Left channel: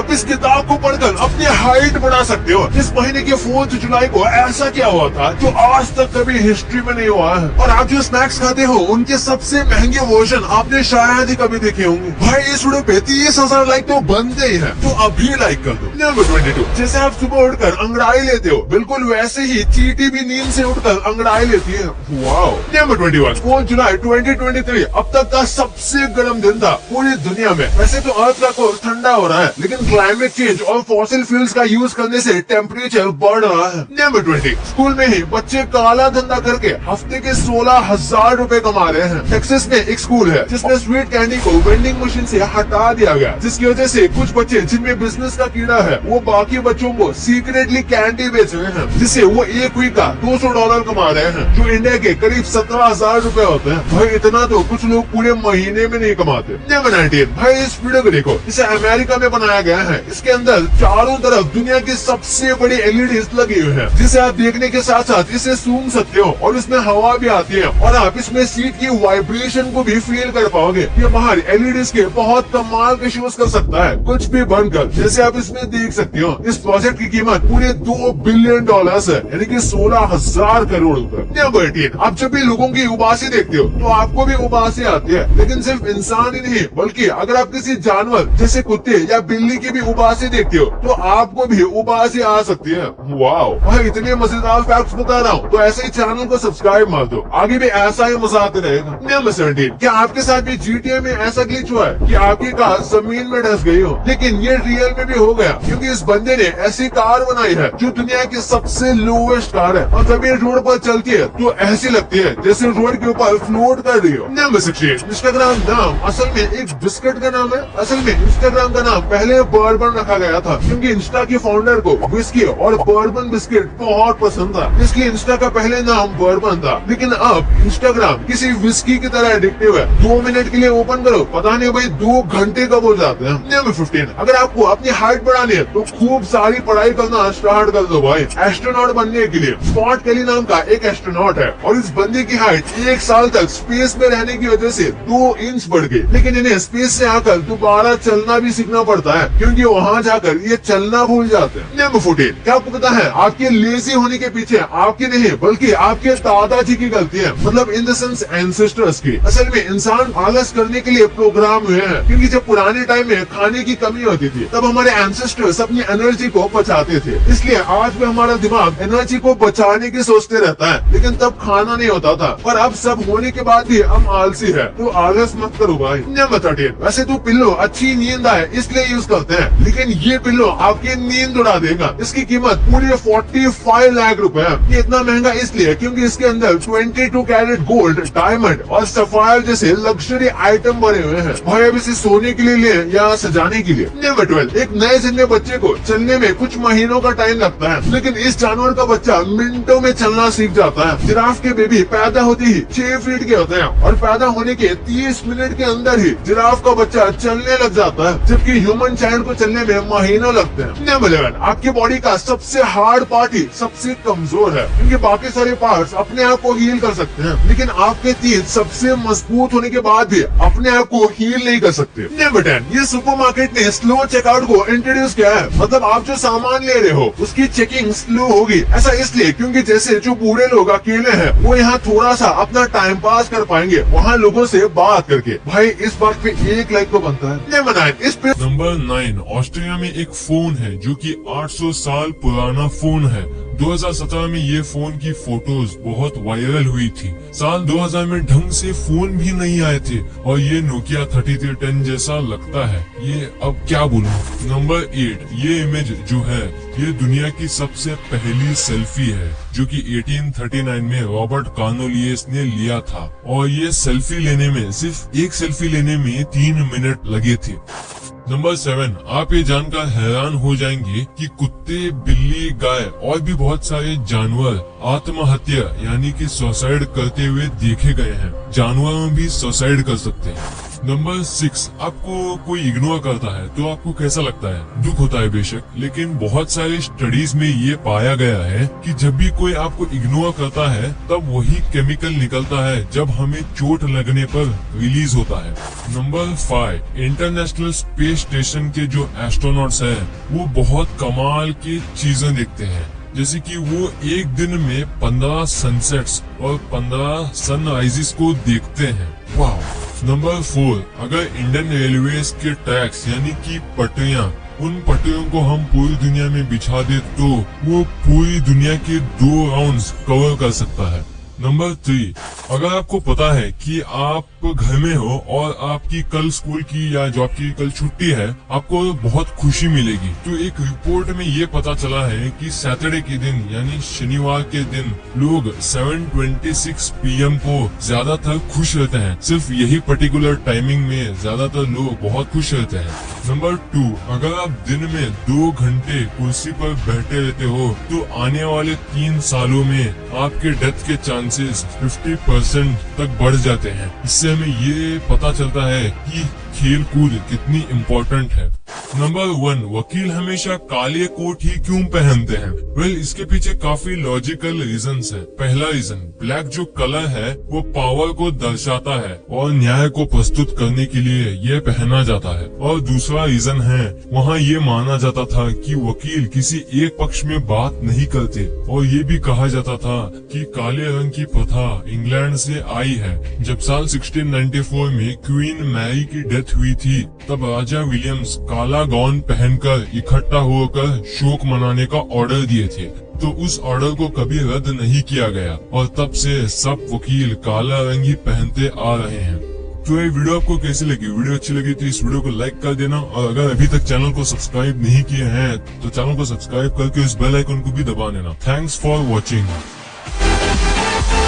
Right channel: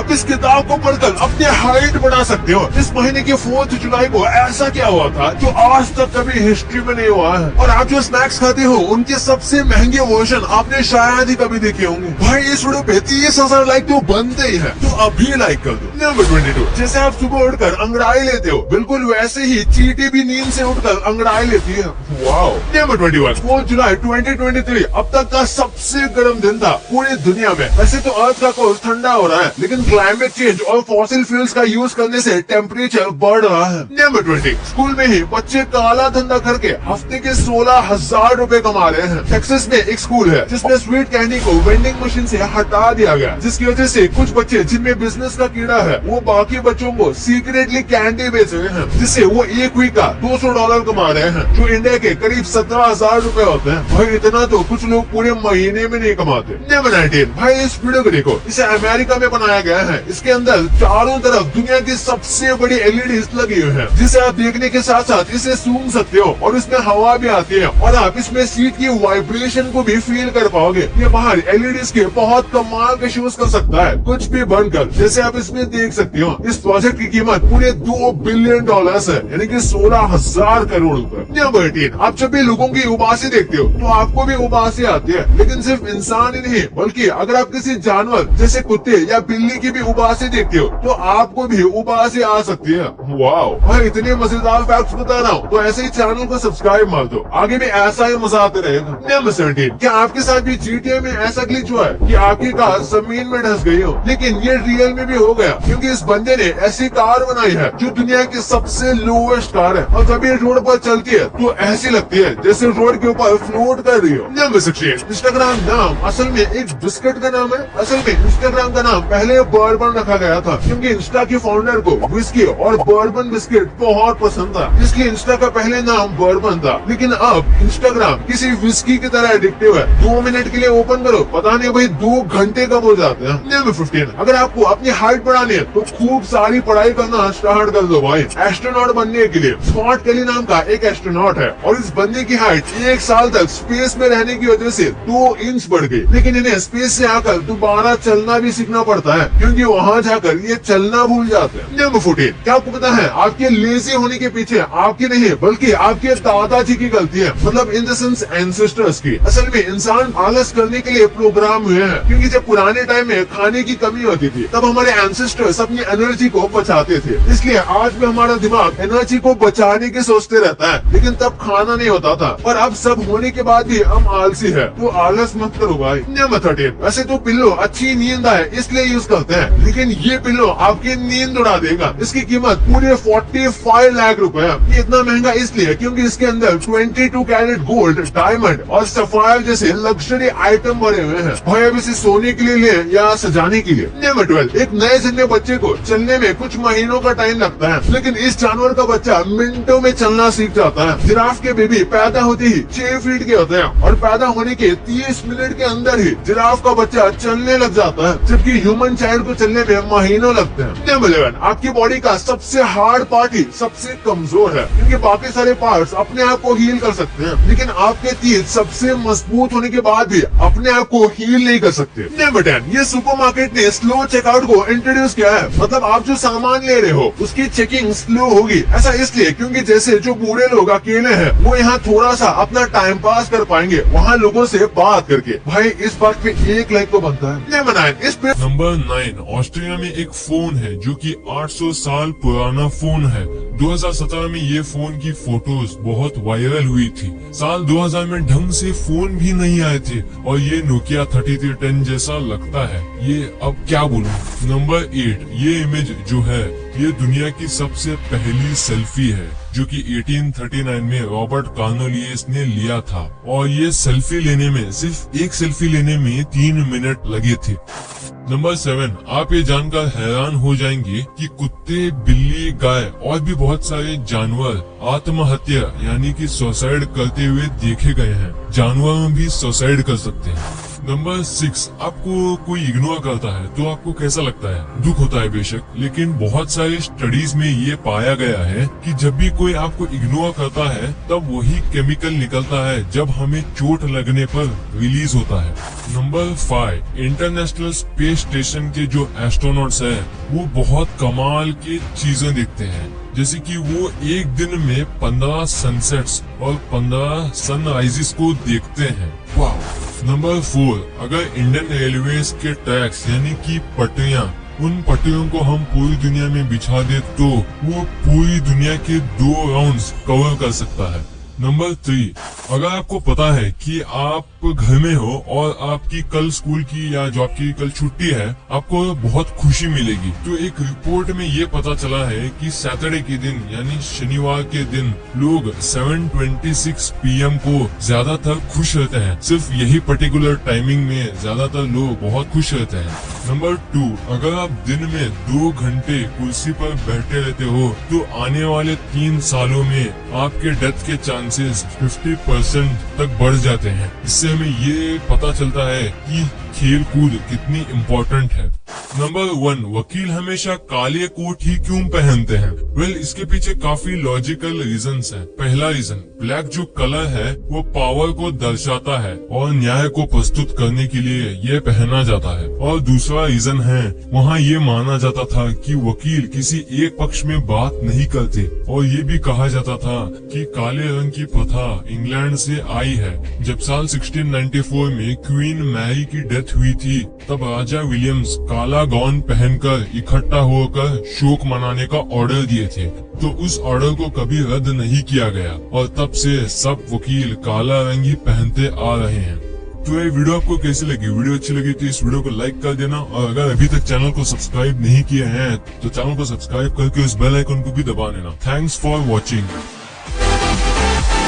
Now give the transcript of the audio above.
आप इस किताब को पढ़कर अपनी हाइट बढ़ा सकते हो। इस महीने के 4 जुलाई को ऐसा क्या हुआ था जो आज तक कभी हिस्ट्री में नहीं हुआ है। और आप जो स्नैक्स खाते हो उनके सबसे महंगे वर्जन आपने शायद ही कभी देखे होंगे। भाई इस वीडियो पे 30,000 लाइक तो बनते ही है, तो अभी लाइक कर दो। नंबर 22, जैसे आप सुबह उठकर अंगड़ाई लेते हो, बिल्कुल वैसे ही चींटी भी नींद से उठकर अंगड़ाई लेती है। वाओ। नंबर 21, 4 जुलाई 2023 अब तक का सबसे गर्म दिन था पूरी दुनिया में। वैसे तो आज का कोर्स ठंडा हो रहा है, लेकिन क्लाइमेट चेंज और फॉसिल फ्यूल्स का यूज करने से टेम्परेचर बढ़ रहा है। नंबर 20, स्कूल में ही बच्चे काला धंधा करके हफ्ते के 16,000 रूपए कमा रहे हैं। टेक्सास में एक स्कूल है जिसमें स्वीट कैंडी को वेंडिंग मशीन से हटा दिया गया, जिसकी वजह से कुछ बच्चे जिनमें बिजनेस का कीड़ा है वो बाकी बच्चों को सीक्रेटली कैंडी बेच रहे हैं, जिससे वो एक वीक का $200 कमा रहे हैं, जो इंडिया के करीब 17,000 रूपए होते हैं। भाई इतना तो कुछ लोग पूरे महीने में नहीं कमाते। नंबर 19, भाई इस वीडियो को देखो, इसे अमेरिका में बनाया गया है। इसके अंदर चारों तरफ दुनिया की सबसे बड़ी एलईडी लगी हुई है, जिसे आप देखने के साथ साथ इसे सूंघ सकते हो और इसमें हवा भी आती है और आप इसमें सीट की वाइब्रेशन को भी फील कर पाओगे। ये बाहर एलईडी के बहुत कमाल के शोज कर सकता है, कुछ भी बनकर, जैसे आप इसमें देख सकते हो। इस प्रोजेक्ट की कीमत पूरे $2 बिलियन है, यानी कि 16,000 करोड़ रुपए। नंबर 18, आप जब भी लोगों की उबासी देखते हो तो आपको भी उबासी आती है, लेकिन सिर्फ इंसान ही नहीं बल्कि अगर आप किसी जानवर जैसे कुत्ते या बिल्ली की भी उबासी देखते हो तो आपको भी उबासी आ सकती है। वाओ। और इतनी मजेदार फैक्ट्स बता रहा हूँ, तो ऐसे ही चैनल को सब्सक्राइब मार दो, आगे भी ऐसा ही मजा आते रहेगा। नंबर 17, क्या आपके साथ भी GTA में ऐसा ग्लिच हुआ है कि आपकी कार जमीन में धंस गई हो? लेकिन ये रियल में भी हो गया, क्योंकि इस बंदे ने ऐसी कार बनाई है जो दुनिया की सबसे लोएस्ट कार है, और जब ये रोड पर चलती है तो ऐसी लगती है जैसे रोड के ऊपर फ्लोट कर रही हो। नंबर 16, इंस्टाग्राम नाम असल में एक बिस्किट का नाम है। असल में इंस्टाग्राम का नाम पहले बर्बन रखा गया था, क्योंकि इंस्टा के फाउंडर को विस्की और बर्बन बिस्किट बहुत पसंद था, इसलिए इंस्टा का पहले नाम बर्बन था। लेकिन अब इंस्टाग्राम किसी विस्की की तरह एडिक्टिव है। 2 मिनट के लिए ओपन करो, पता नहीं भाई 2 घंटे कब हो जाते हैं। नंबर 15, अगर आपको अपनी हाइट बढ़ानी है तो खूब सारी पढ़ाई करना स्टार्ट कर दो भाई। एस्ट्रोनॉट बनने के लिए स्कॉट केली नाम का एक एस्ट्रोनॉट है, और इस बंदे की हाइट 1 साल तक स्पेस में रहने की वजह से 2 इंच बढ़ गई। लेकिन इन्हें स्पेस से आकर दोबारा चलना भी सीखना पड़ता है, क्योंकि वहाँ जाकर ये चलना भूल जाते हैं। नंबर 14, क्या आपको पता है आपके लेजी होने के पीछे आपकी नहीं बल्कि आपके दादाजी की गलती है, मतलब इन द सेंस एंसेस्टर्स की। असल में इंसान आलस करने के लिए प्रोग्राम हुए हैं, क्योंकि जब पुराने टाइम में खाने की कमी होती थी तब हमारे एंसेस्टर्स अपनी एनर्जी को बचाते थे, इसलिए आज भी हमारा दिमाग एनर्जी को बचाने की सोचते रहता है, लेकिन तब खाना नहीं होता था। और अब सब होने के बाद भी हम आलसी है, तो आलस मत करो भाई। नंबर 13, वैसे तो पिल्लो अच्छी नींद आए इसलिए यूज करते हैं, लेकिन ये पिल्लो आपकी नींद उड़ा देगा। इसकी कीमत पूरी 45 लाख रुपए है। ये इतना महंगा इसलिए क्योंकि इसके अंदर 22 कैरेट गोल्ड, डायमंड और सफायर जैसे लग्जरी आइटम भरे हुए हैं। भाई अब इसे सोने के लिए ले या सजाने के लिए। नंबर 12, एक नए जन्मे बच्चे को चलने में कुछ महीनों का टाइम लगता है, लेकिन इस जानवर का बच्चा मिनटों में चलना सीख जाता है। जिराफ के बेबी पैदा होते ही 6 फीट के होते हैं, और पैदा होने के 30 मिनट के अंदर ही जिराफ का बच्चा चलने लग जाता है, जबकि ह्यूमन चाइल्ड को चलने में महीना लगता है। नंबर 11, आपकी बॉडी का सबसे हार्ड पार्ट ही सबसे कमजोर है, क्योंकि बाकी सारे पार्ट्स अपने आप को हील कर सकते हैं, लेकिन आपके तीर सबसे मजबूत होने के बाद भी अपने आप को हील नहीं कर सकते। नंबर 10, ये सुपरमार्केट ने स्लो चेकआउट को इंट्रोड्यूस किया है, मतलब आप जो सामान ले रहे हो उसकी चेकिंग स्लो होगी। ऐसा इसलिए क्योंकि जैसे जो बूढ़े लोग अकेले हैं वो यहाँ थोड़ा सा अपना टाइम पास कर पाएंगे वहाँ लोगों से बात करके। भाई इस बात पे 1 लाइक तो बनता है। नंबर 9, इस पे नंबर 9, ऑस्ट्रेलिया में एक फोन है जो कि 800 साल पुराना फोन है। 2017 में ये फोन की फोटोज बहुत वायरल हुई थी। साल 2000 में ढंग से फोन भी नहीं आए थे, और ये नोकिया 3310 जैसा लगता है। ये अब क्या बोलूं। नंबर 8, ये इमेज जो है ये दुनिया की सबसे पहली सेल्फी है, जो कि 1839 में रॉबर्ट कार्नेलियस ने लिया था, और ये सेल्फी लेने में सिर्फ एक सेल्फी लेने में 3 मिनट लगे थे। नंबर 7, आप ये जानकर हैरान हो जाएंगे कि कुत्ते, बिल्ली, गाय और भी बहुत सारे जानवर आत्महत्या यानी कि सुसाइड करते हुए देखे गए हैं। जानवर भी सुसाइड कर सकते हैं। नंबर 6, आपको कोई इग्नोर करता है तो आपको कैसा लगता है? दुख होता है बेशक, लेकिन बहुत सारी स्टडीज में ये पाया गया है कि जब भी कोई आपको इग्नोर करता है तब वही केमिकल निकलता है जब हमें चोट लगने पर रिलीज होता है। नंबर 5, इंटरनेशनल स्पेस स्टेशन के जो एस्ट्रोनॉट्स हैं वो बहुत कमाल की चीजें देखते हैं, जैसे कि वो एक दिन में 15 सनसेट्स और 15 सनराइजेस को देखते हैं। वाह। नंबर 4, अगर इंडियन रेलवेज के ट्रैक्स यानी कि पटरियां, उन पटरियों को हम पूरी दुनिया में बिछा दे तो वो पूरी दुनिया के 2 राउंड्स कवर कर सकता है। नंबर 3, अगर आपको पता है कि आप घर में हो और आपकी कल स्कूल की या जॉब की कल छुट्टी है, आपको बहुत खुशी मिलेगी। तो एक रिपोर्ट में ये पता चला है कि सैटरडे के दिन यानी शनिवार के दिन लोग 7:26 PM को ज्यादातर खुश रहते हैं। सिर्फ यही पर्टिकुलर टाइमिंग में ज्यादातर लोग बहुत खुश रहते हैं। नंबर 2, अगर आप दिन में 2 घंटे कुर्सी पर बैठे रहते हो तो आने वाले 3 सालों में आपके डेथ के चांसेस 50% तक बढ़ जाते हैं। इससे हमें ये पता चलता है कि खेल कूद कितनी इम्पोर्टेंट है। नंबर 1, वकील हमेशा काले कोट ही क्यों पहनते हैं? वेल, इसके पीछे काफी लॉजिकल रीजंस है। पहला रीजन, ब्लैक जो कलर है वो पावर को दर्शाता है और न्याय को प्रस्तुत करने के लिए ये पहना जाता है। और दूसरा रीजन है, वहाँ ये माना जाता था कि वकील किसी एक पक्ष में बात नहीं करते और ये भी कहा जाता था कि काले रंग की प्रथा इंग्लैंड से आई है। जब साल 1694 में क्वीन मैरी की डेथ हुई थी तब राजा विलियम्स काला गाउन पहनकर इकट्ठा होकर शोक मनाने का ऑर्डर दिए थे, तो उस ऑर्डर को कभी रद्द नहीं किया गया और तब से सब वकील काला रंग ही पहनते आ रहे हैं। तो ये वीडियो आपको कैसी लगी? वीडियो अच्छी लगी तो इस वीडियो को लाइक कर देना और अगर अभी तक चैनल को सब्सक्राइब नहीं किए हैं तो चैनल को सब्सक्राइब करके इस बेल आइकन को भी दबा देना। Thanks for watching.